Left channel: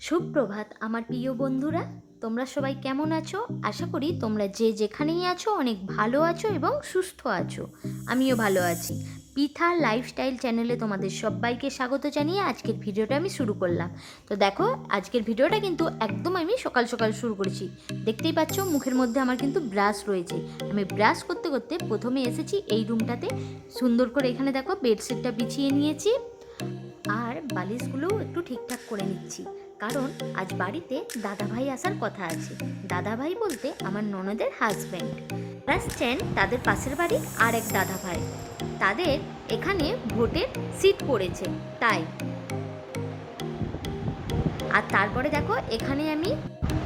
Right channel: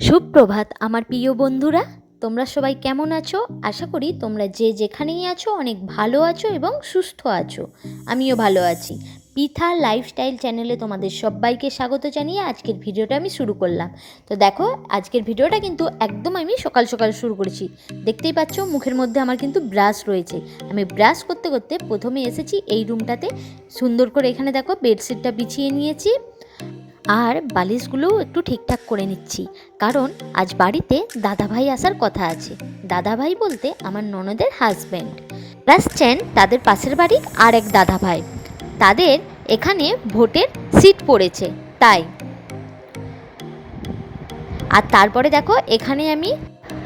সুপ্রভাত আমার প্রিয় বন্ধুরা, তোমরা সবাই কেমন আছো? আশা করি তোমরা যে যেখানেই আছো অনেক ভালো আছো এবং সুস্থ আছো। আমিও ভালো আছি। পিথা লাইফস্টাইল চ্যানেলে তোমাদের সবাইকে স্বাগত জানিয়ে আজকের ভিডিওটা আমি শুরু করলাম। তো দেখো, আজকের ভিডিওটা কিন্তু একদম আমি সকাল সকাল শুরু করেছি। দেখতেই পাচ্ছ মুখের মধ্যে আমার কিন্তু ব্রাশ রয়েছে। আমি ব্রাশ করতে করতে প্রথমে এসেছি এই রুমটাতে। সুন্দর করে এখানে দেখো বেডশিটটা বিছিয়ে নিয়েছি আর বালিশগুলো একটু ঠিকঠাক করে নিচ্ছি, কারণ আজ বাড়িতে দাদাভাই আসার কথা আছে। দাদাভাই বলতে আমার ননদের হাজব্যান্ড আসছেন, তাদের পাশের বাড়ির আর এক দাদাভাই। তাদের এখানে ভোটের সিট পড়েছে তাই। আর তারপরে দেখো এখানে আমি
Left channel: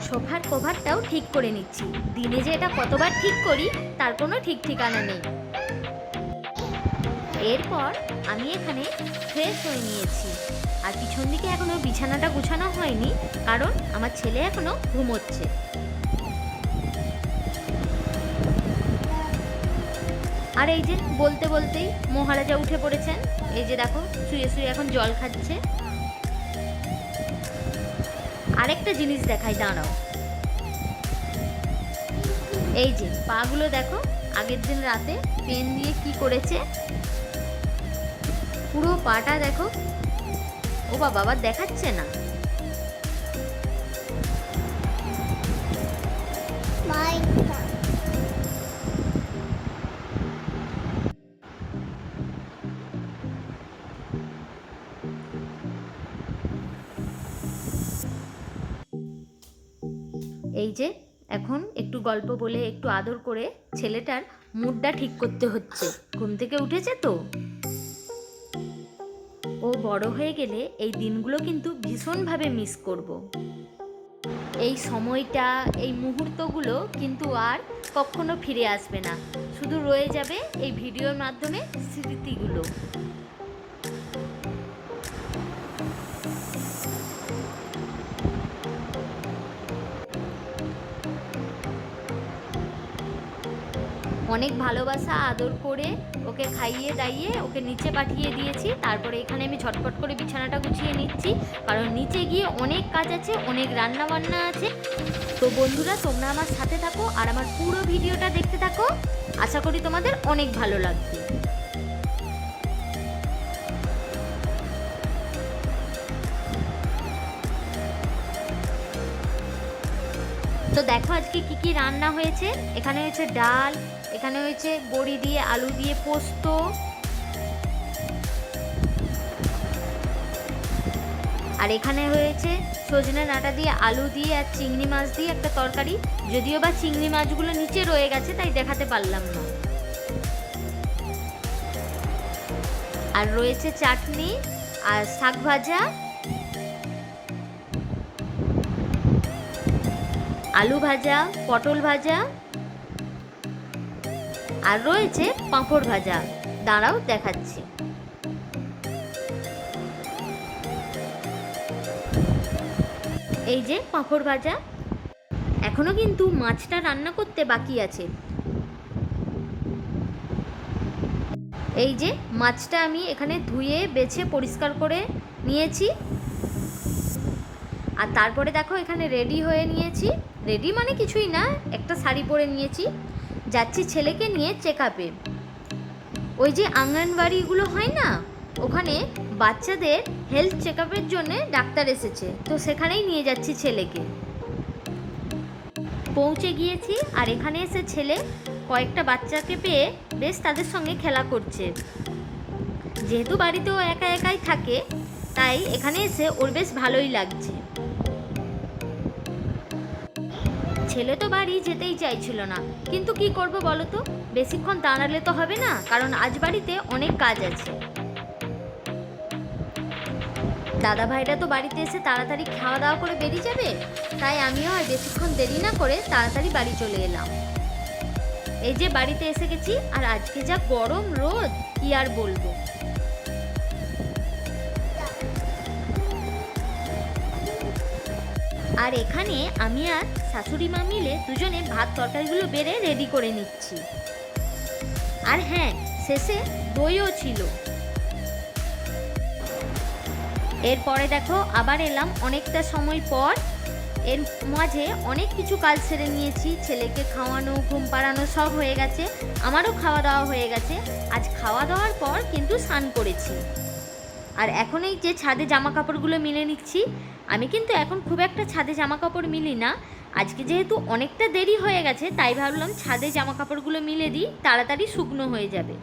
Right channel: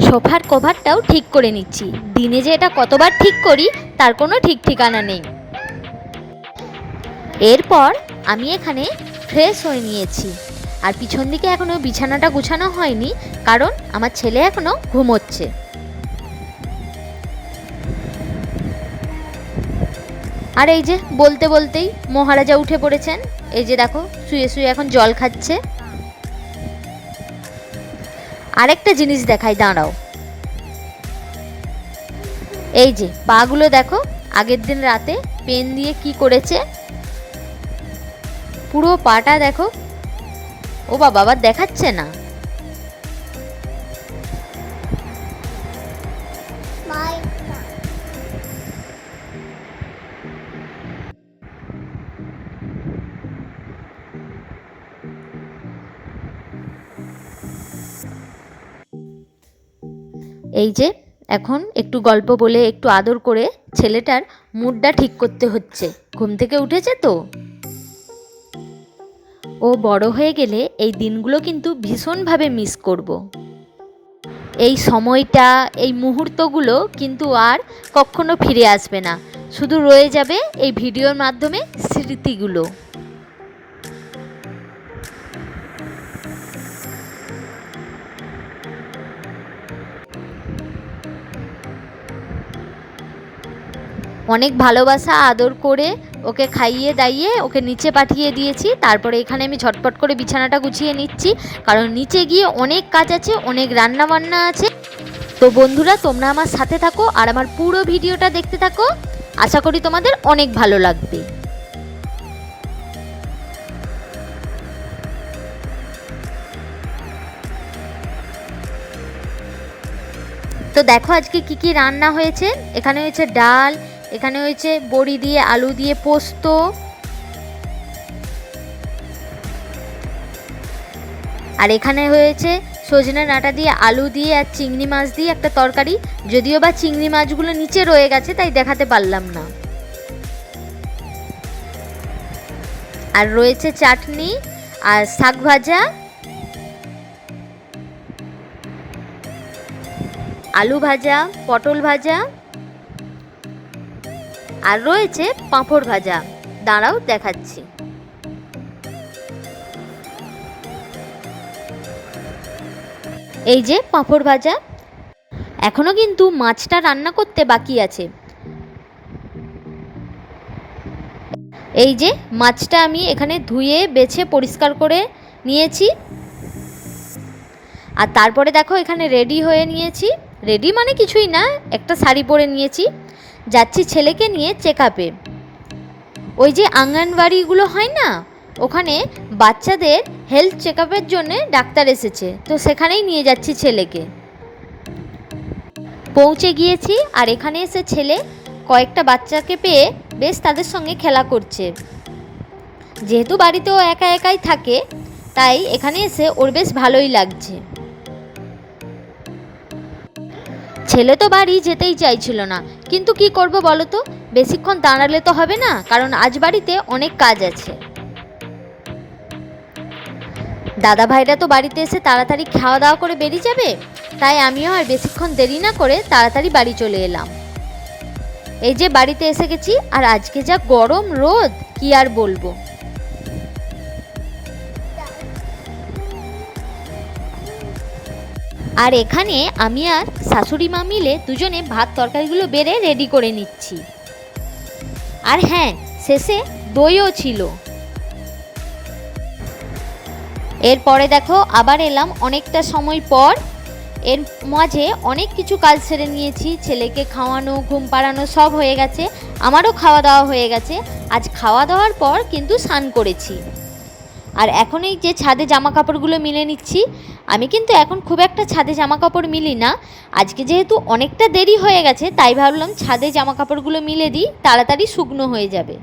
সোফার কভারটাও ঠিক করে নিচ্ছি। দিনে যে এটা কতবার ঠিক করি তার কোনো ঠিক ঠিকানা নেই। এরপর আমি এখানে ফ্রেশ হয়ে নিয়েছি, আর পিছন দিকে এখনও বিছানাটা গুছানো হয়নি, কারণ আমার ছেলে এখনও ঘুমোচ্ছে। আর এই যে বলতে বলতেই মহারাজা উঠে পড়েছেন। এই যে দেখো শুয়ে শুয়ে এখন জল খাচ্ছে। আরেকটা জিনিস দেখাই, দাঁড়াও। এই যে পাগুলো দেখো, আগের দিন রাতে পেন দিয়ে কি করেছে, পুরো পাটা দেখো। ও বাবা, আবার দেখাচ্ছে না। এই যে এখন একটু গল্প বলে একটু আদর করে ছেলেটার মুডটা ঠিক করতে হচ্ছে। ঘুম থেকে উঠেছে তো। ও বড় হয়ে গেলে এই দিনগুলো কিন্তু ভীষণভাবে মিস করব। এই সময়টা, এই মুহূর্তগুলো কিন্তু আর কখনো ফিরে আসবে না, শুধু রয়ে যাবে এই ভিডিওর মাধ্যমে স্মৃতিগুলো। অনেক ভালোবাসা আদর করে ওকে খাইয়ে দাইয়ে ওকে নিচে পাঠিয়ে দিয়েছি। তারপরে এখানে আমি ঝটপট করে বিছানাটা গুছিয়ে নিচ্ছি, কারণ নিচে গিয়ে অনেক কাজ আছে, অনেক রান্না বান্না আছে। তো বন্ধুরা, তোমরা আমার সাথে থাকো আর আমার পুরো ভিডিওটা দেখতে থাকো। আশা করি তোমাদের অনেক ভালো লাগবে। তো দেখো আজকে কি কি রান্না হয়েছে। এখানে হয়েছে ডাল, এখানে হয়েছে বড়ি দিয়ে আলু দিয়ে পোস্ত, আর এখানে হয়েছে সজনে ডাঁটা দিয়ে আলু দিয়ে আর চিংড়ি মাছ দিয়ে একটা তরকারি। যদিও বা চিংড়ি মাছগুলো নিচে রয়ে গেছে তাই দেখাতে পারলাম না। আর রয়েছে চাটনি আর শাক ভাজা, আলু ভাজা, পটল ভাজা, আর রয়েছে পাঁপড় ভাজা। দাঁড়াও দেখাচ্ছি। এই যে পাঁপড় ভাজা। এখনো কিন্তু মাছটা রান্না করতে বাকি আছে। এই যে মাছটা আমি এখানে ধুয়ে বেছে পরিষ্কার করে নিয়েছি। আর তারপরে দেখো এখানে রেডি হয়ে নিয়েছি। রেডি মানে কিছুই না, একটা শাড়ি পরে নিয়েছি। যাচ্ছি ছেলেকে নিয়ে চেক আপে। ওই যে আঙ্গনবাড়িগুলো হয় না, ওখানে বাচ্চাদের হেলথ চেক আপের জন্যে ডাক্তার এসেছে, তো সেখানেই নিয়ে যাচ্ছি ছেলেকে। পৌঁছে গিয়েছি, আর এখানে এসে ছেলে কয়েকটা বাচ্চাকে পেয়ে বেশ তাদের সঙ্গে খেলা করছে। যেহেতু বাড়িতে ও একা একাই থাকে, তাই এখানে এসে ওর বেশ ভালোই লাগছে। ছেলে তো বাড়ি যেতেই চাইছিল না, কিন্তু কি করব বলো তো, বেশিক্ষণ দাঁড়ালে তো হবে না, কারণ আজ বাড়িতে অনেক কাজ আছে। দাদা ভাইরা তো বাড়িতে এসে তাড়াতাড়ি খাওয়া দাওয়া করে বেরিয়ে যাবে, তাই আমিও আর বেশিক্ষণ দেরি না করে তাড়াতাড়ি বাড়ি চলে এলাম। এই যে বাড়িতে এসে গেছি, আর আজকে যা গরম রোদ কি আর বলবো। আর এখানে আমি আর শাশুড়ি মা মিলে দুজনে ভাত তরকারিগুলো বেড়ে রেডি করে নিচ্ছি। আর হ্যাঁ, শেষে দইও ছিল। এরপরে দেখো আবার এলাম অনেকটা সময় পর। এর মাঝে অনেক কিছু কাজ সেরে নিয়েছি, ছেলেকে খাওয়ানো, ঘুম পাড়ানো সব হয়ে গেছে, আমারও খাওয়া দাওয়া হয়ে গেছে। আজ খাওয়া দাওয়ার পর কিন্তু স্নান করেছি। আর এখন এই যে ছাদে জামা কাপড়গুলো মিলে নিচ্ছি। আমি কিন্তু এখন খুব একটা ছাদে জামা কাপড় মিলি না, আজকে যেহেতু অনেকটা দেরি হয়ে গেছে তাই ভাবলাম ছাদে জামা কাপড়গুলো মিলে দিই, তাড়াতাড়ি শুকনো হয়ে যাবে।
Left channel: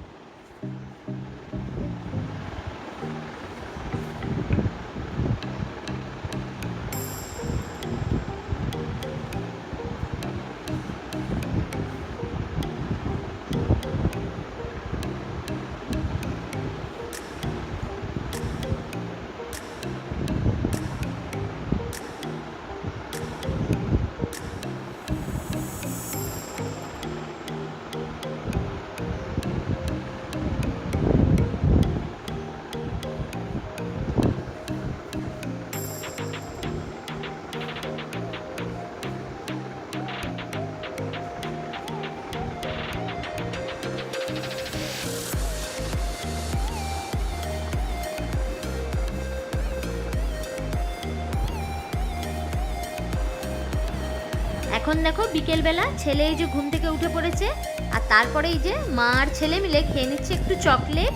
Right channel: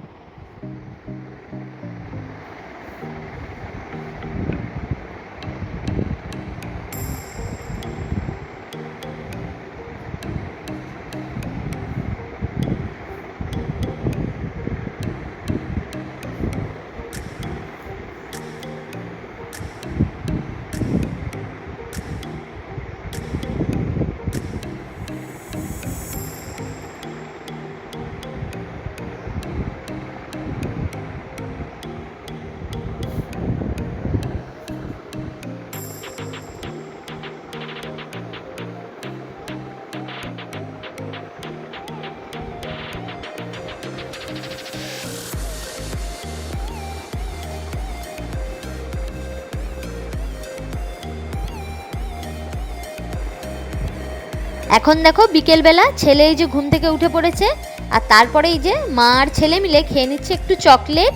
এখন দেখো বিকেলবেলা ছেলে এই যে ঘুম থেকে উঠে পড়েছে, আর তারপরে এই যে মা আর ছেলে মিলে খেয়ে নিচ্ছে একটু চকলেট।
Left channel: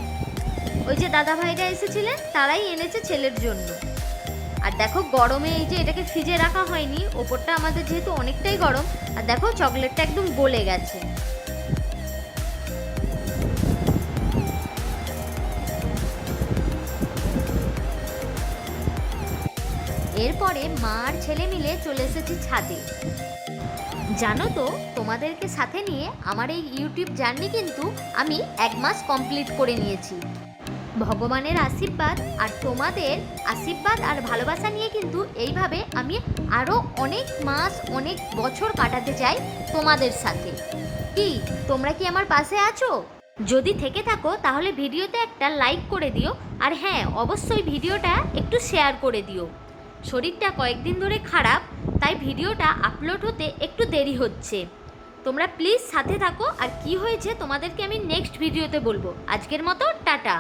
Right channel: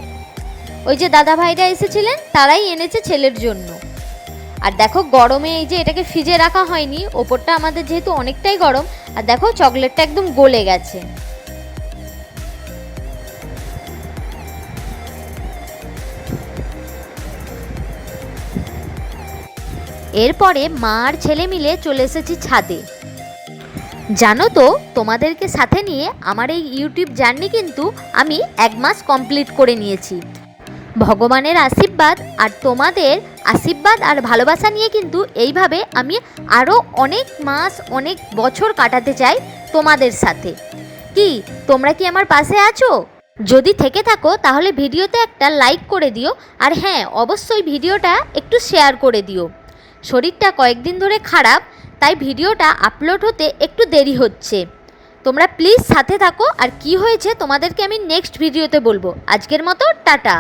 ওই যে দাদা ভাইরা এসেছিলেন তারাই এনেছে ছেলের জন্য। আর দেখো গরমে এই যে এটাকে ফ্রিজে রাখা হয়নি, ওপরটা আমাদের যেহেতু অনেকটাই গরম, আর দেখো চকলেটটা একদম গলে গেছে। এরপরে মা আর ছেলে মিলে চলে এসেছি ছাদে। জানো তো, তোমাদেরকে সাথে নিয়ে আমার এই ইউটিউব জার্নি কিন্তু আমি 1 মাস কমপ্লিট করে নিয়েছি। ভগবানের আশীর্বাদ আর তোমাদের আশীর্বাদ আর ভালোবাসা নিয়ে কিন্তু এইভাবে আমি আরও অনেক মাস অনেক বছর কাটাতে চাই তোমাদের সাথে। কি তোমরা কি আমার পাশে আছো? যদি থেকে থাকো তাহলে ভিডিওতে একটা লাইক করে দিও, আর হ্যাঁ অবশ্যই ভিডিওটা একটু শেয়ার করে দিও। শরীরটা কয়েকদিন ধরে খারাপ, তাই ভিডিওটা আপলোড হতে একটু দেরি হচ্ছে। তোমরা প্লিজ সাথে থাকো, আর কি হয়েছে তোমাদেরকে আমি নেক্সট ভিডিওতে বলবো। আজকের মতো টাটা।